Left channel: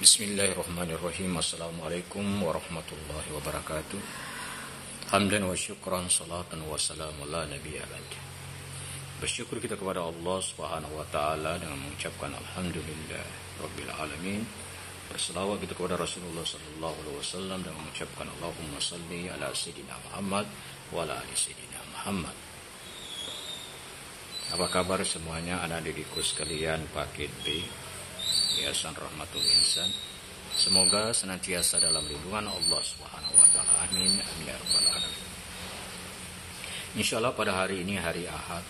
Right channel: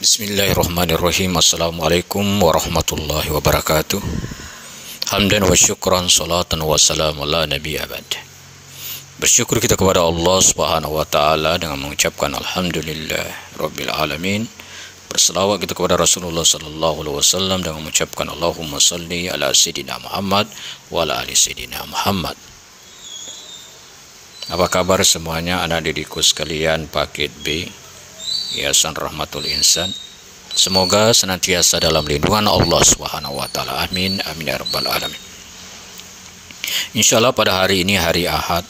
Bismillahirrahmanirrahim. Assalamualaikum warahmatullahi wabarakatuh. Hamdan wa syukran, salatan wa salam ala nabi abad. Bersyukur kita kepada Allah subhanahu wa ta'ala dengan mengucapkan Alhamdulillah Rabbil Alamin. Berselawat kita kepada Rasulullah sallallahu alaihi wasallam dengan mengucapkan Allahumma salli ala Sayyidina Muhammad wa ala ali Sayyidina Muhammad. Apa kabar semuanya anak didikku sekalian paket B Yayasan Rahmatul Insan? Semoga senantiasa dalam lindungan Allah Subhanahu wa taala. Amin amin ya rabbal alamin. Insyaallah pada hari ini hari Ahad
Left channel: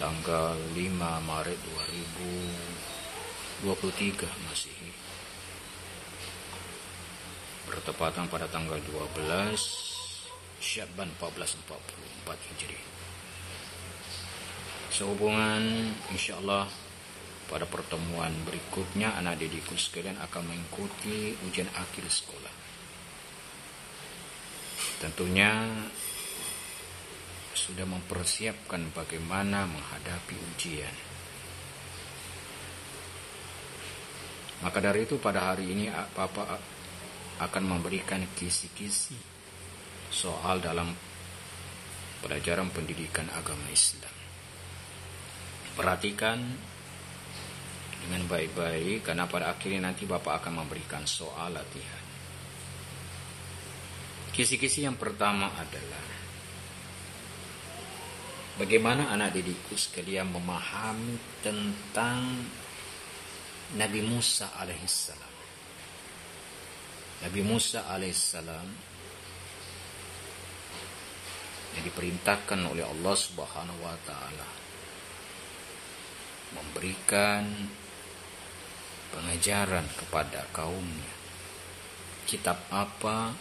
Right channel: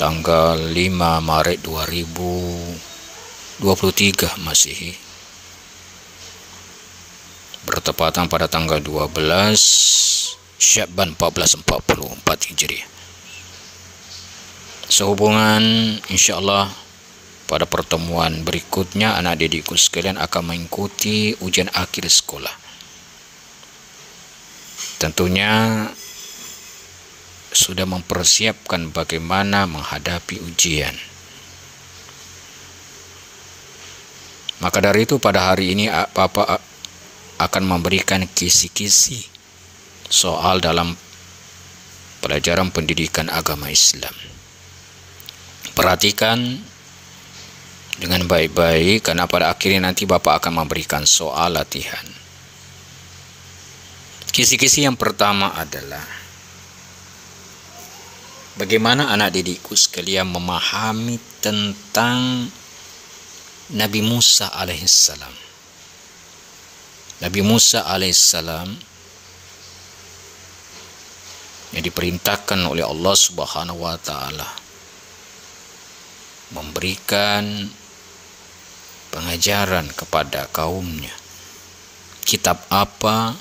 tanggal 5 Maret 2023 Masehi, bertepatan pada tanggal 12 Sya'ban 1444 Hijriah. Sehubungan insyaallah pada pertemuan berikutnya anak didikku sekalian akan mengikuti ujian akhir sekolah. Tentunya sudah mempersiapkan bagaimana menghadapi ujian. Maka dari itu pada hari ini Bapak akan memberikan kisi-kisi soal dalam pelajaran pendidikan agama Islam. Perhatikan dengan baik-baik, karena pada akhirnya nanti Bapak akan memberikan soal latihan. Kisi-kisi yang pertama adalah bagaimana anak didikku sekalian memahami tentang Nabi Musa alaihissalam. Nabi Musa alaihissalam yang diperintahkan oleh Allah Subhanahu wa taala memberikan pengajaran kepada kaumnya. Kitab apa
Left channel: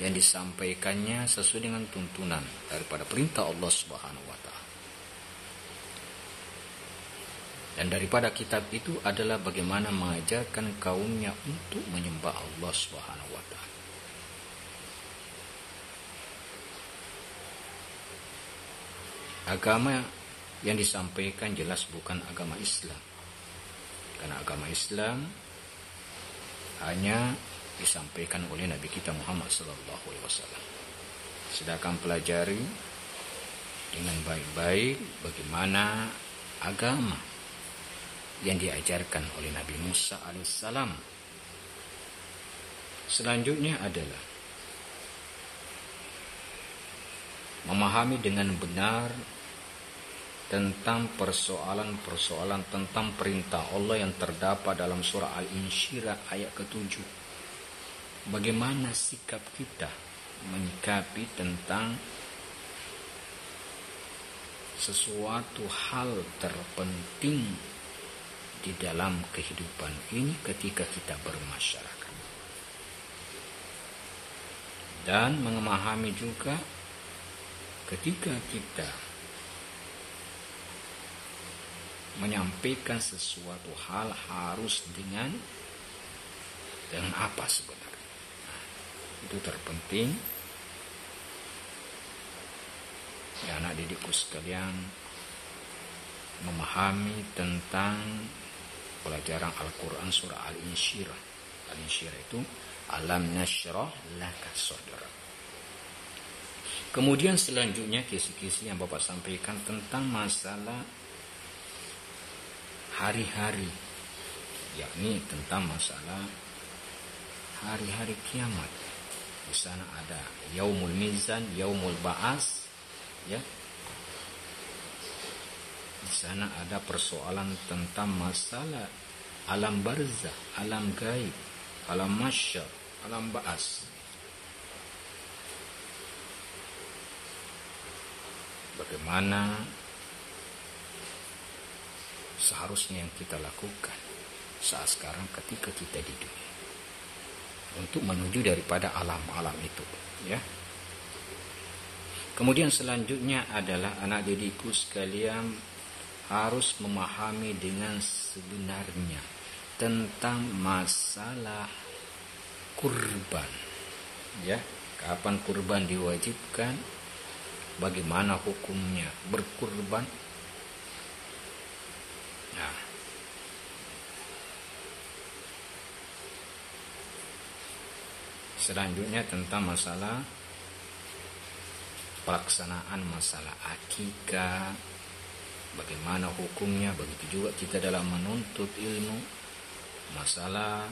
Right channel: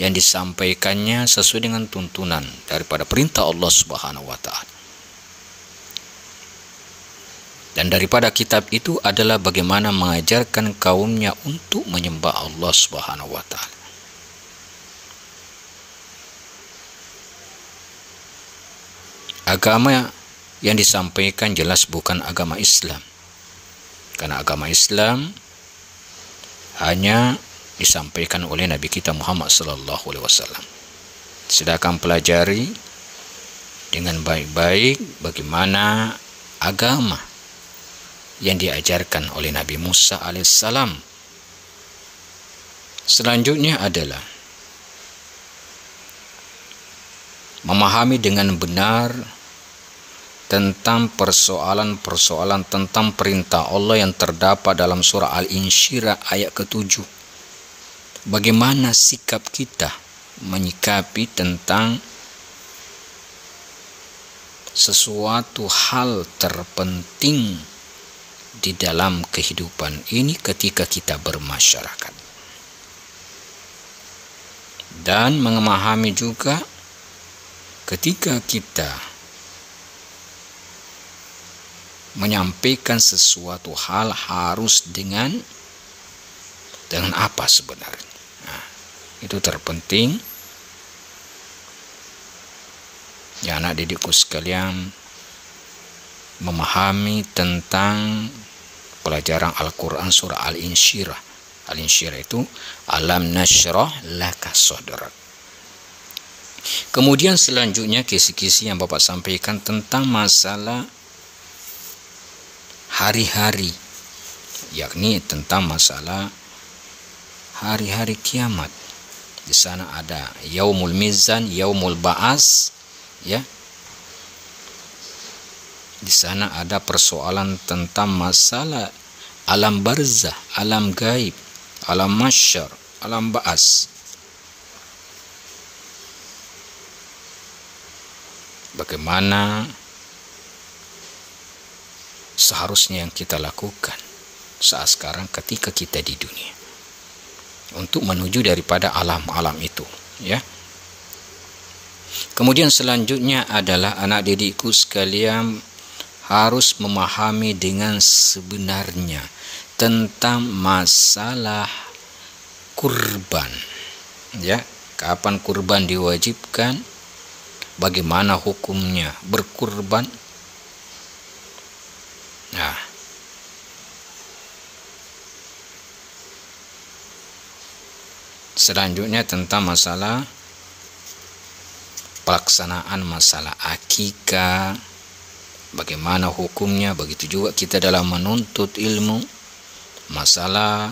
yang disampaikannya sesuai dengan tuntunan daripada perintah Allah Subhanahu wa taala. Dan daripada kitab itu adalah bagaimana mengajarkan kaumnya untuk menyembah Allah Subhanahu wa taala. Agama yang disampaikan jelas bukan agama Islam. Karena agama Islam hanya disampaikan oleh Nabi kita Muhammad sallallahu alaihi wasallam. Sedangkan pelajari dengan baik-baik bagaimana agama yang diajarkan oleh Nabi Musa alaihissalam. Selanjutnya adalah memahami dengan benar tentang persoalan-persoalan tentang perintah Allah yang terdapat dalam surah Al-Insyirah ayat ke-7. Bagaimana sikap kita menyikapi tentang sesuatu hal terpenting di dalam kehidupan ini ketika kita bermasyarakat. Dan memahami juga ketika kita menyampaikan sesuatu hal harus dengan apa sebenarnya. Nah, itu terpenting ya anak didikku sekalian memahami tentang pelajaran Al-Quran surah Al-Insyirah. Al-Insyirah itu alam nasyrah laka sadrak. Kemudian selanjutnya kisi-kisi yang Bapak sampaikan tentang masalah hari-hari, yakni tentang masalah hari-hari kiamat. Di sana ada yaumul mizan, yaumul ba'as, ya. Di sana ada persoalan tentang masalah alam barzah, alam gaib, alam mahsyar, alam ba'as. Bagaimana seharusnya yang kita lakukan saat sekarang ketika kita di dunia untuk menuju daripada alam-alam itu, ya. Kemudian selanjutnya adalah anak didikku sekalian harus memahami dengan sebenarnya tentang masalah kurban, ya. Kapan kurban diwajibkan, bagaimana hukumnya berkurban. Nah, Selanjutnya tentang masalah pelaksanaan masalah akikah, bagaimana hukumnya. Begitu juga kita dalam menuntut ilmu, masalah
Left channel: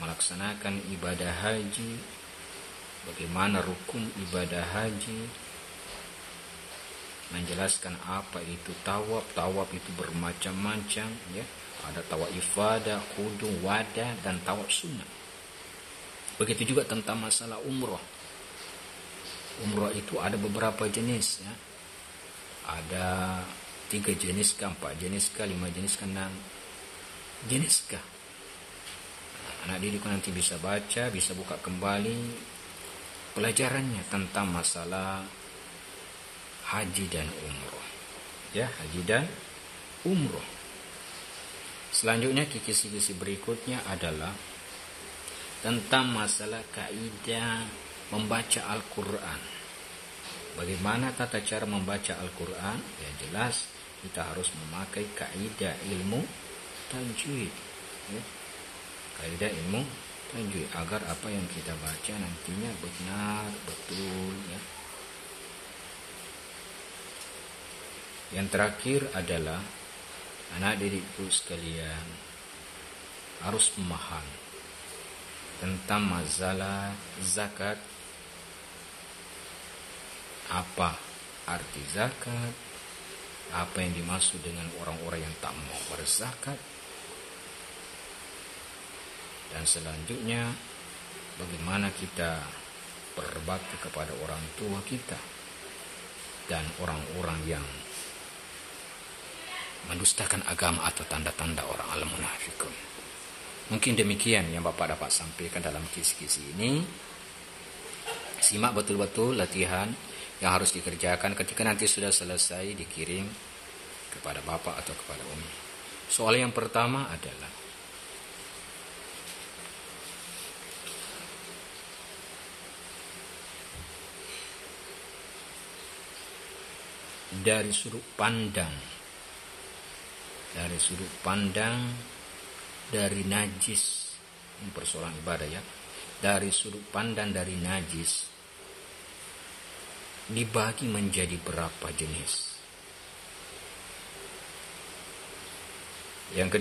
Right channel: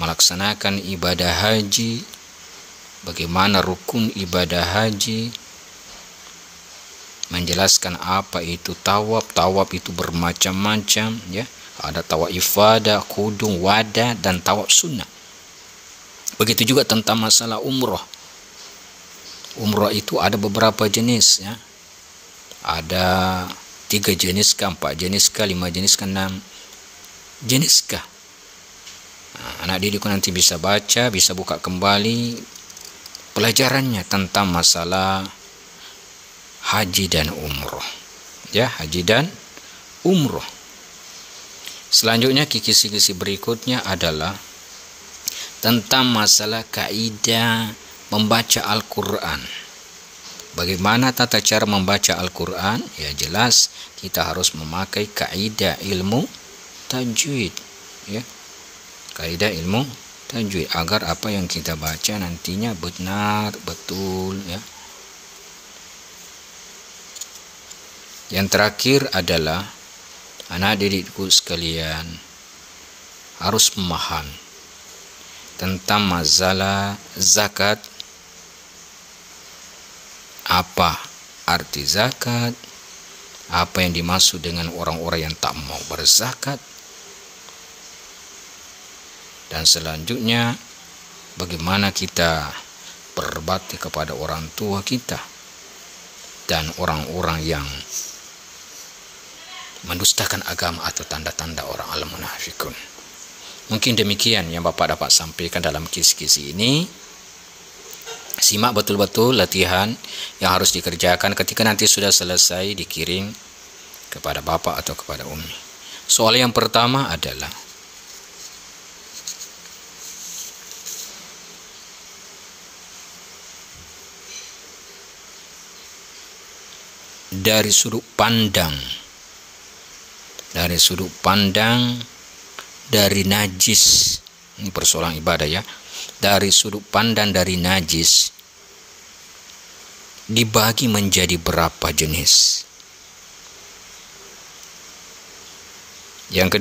melaksanakan ibadah haji, bagaimana rukun ibadah haji, menjelaskan apa itu tawaf. Tawaf itu bermacam-macam, ya. Ada tawaf ifadah, kudung, wada, dan tawaf sunnah. Begitu juga tentang masalah umroh. Umroh itu ada beberapa jenis, ya. Ada 3 jenis kah, 4 jenis kah, 5 jenis kah, 6 jenis kah. Anak didikku nanti bisa baca, bisa buka kembali pelajarannya tentang masalah haji dan umroh, ya, haji dan umroh. Selanjutnya kisi-kisi berikutnya adalah tentang masalah kaidah membaca Al-Quran. Bagaimana tata cara membaca Al-Quran? Ya jelas kita harus memakai kaidah ilmu tajwid, ya. Kaidah ilmu tajwid agar apa yang kita baca nantinya benar, betul, ya. Yang terakhir adalah anak didikku sekalian harus memahami tentang masalah zakat. Apa arti zakat? Apa yang dimaksud dengan orang-orang yang tak mau berzakat? Dan selanjutnya bagaimana kita berbakti kepada orang tua kita dan orang-orang yang mendustakan agama atau tanda-tanda orang al-munafikun. Mungkin demikian yang Bapak dapat sampaikan dalam kisi-kisi ini. Simak betul-betul latihan yang harus dikerjakan ketika nanti sudah selesai dikirim kepada Bapak atau kepada Umi. Soal yang pertama adalah dari sudut pandang dari najis. Ini persoalan ibadah, ya. Dari sudut pandang dari najis dibagi menjadi berapa jenis? Yang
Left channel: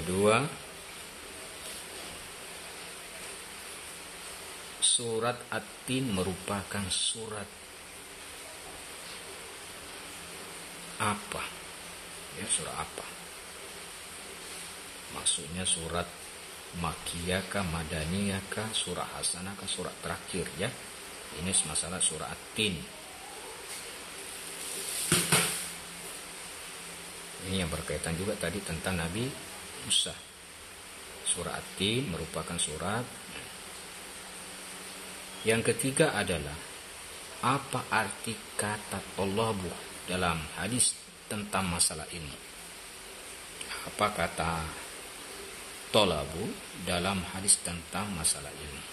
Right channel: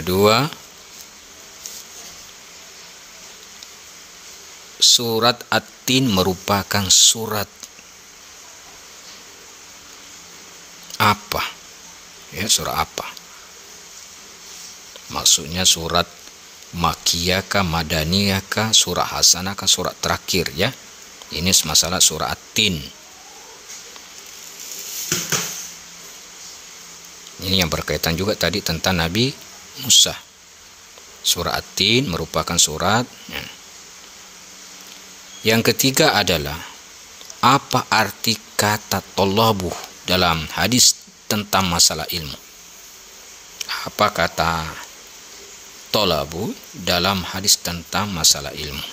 kedua, surat At-Tin merupakan surat apa? Ya, surah apa? Maksudnya surat Makkiyah kah, Madaniyah kah, surah Hasanah kah, surat terakhir, ya. Ini masalah surah At-Tin. Ini yang berkaitan juga tadi tentang Nabi Musa. Surah At-Tin merupakan surat. Ya. Yang ketiga adalah apa arti kata tolabuh dalam hadis tentang masalah ilmu. Apa kata tolabu dalam hadis tentang masalah ilmu?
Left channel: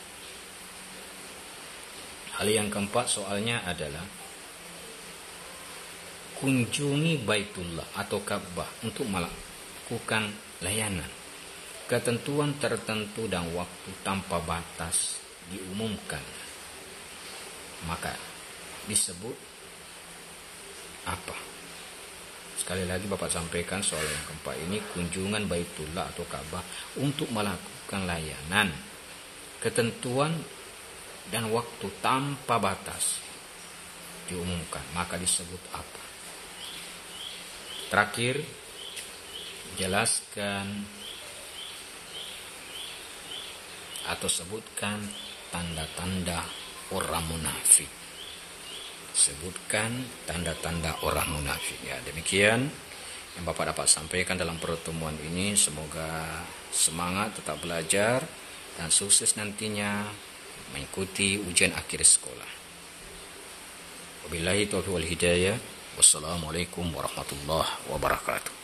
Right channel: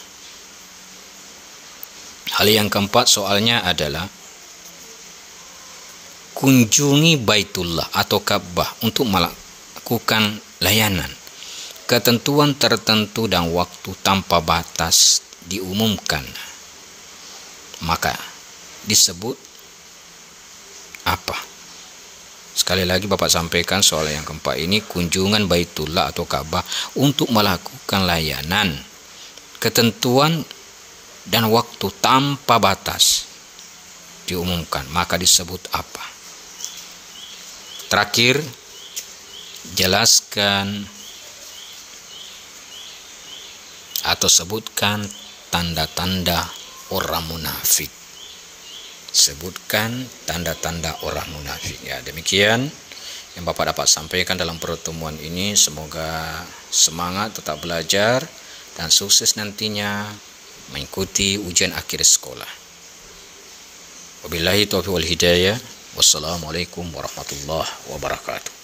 Hal yang keempat soalnya adalah kunjungi Baitullah atau Ka'bah untuk melakukan layanan. Ketentuan tertentu dan waktu tanpa batas diumumkan. Maka disebut apa? Sekali lagi Bapak sampaikan soal yang keempat ini, kunjungan Baitullah atau Ka'bah untuk melakukan layanan. Ketentuan dan waktu tanpa batas diumumkan, maka disebut apa? Terakhir, jelaskan atau sebutkan tanda-tanda orang munafik. Sebutkan tanda-tanda orang munafik. Ya, demikian yang Bapak dapat sampaikan dalam pertemuan ini. Semoga semangat tetap belajar dan sukses nantinya mengikuti ujian akhir sekolah. Wabillahi taufiq wal hidayah. Wassalamualaikum warahmatullahi wabarakatuh.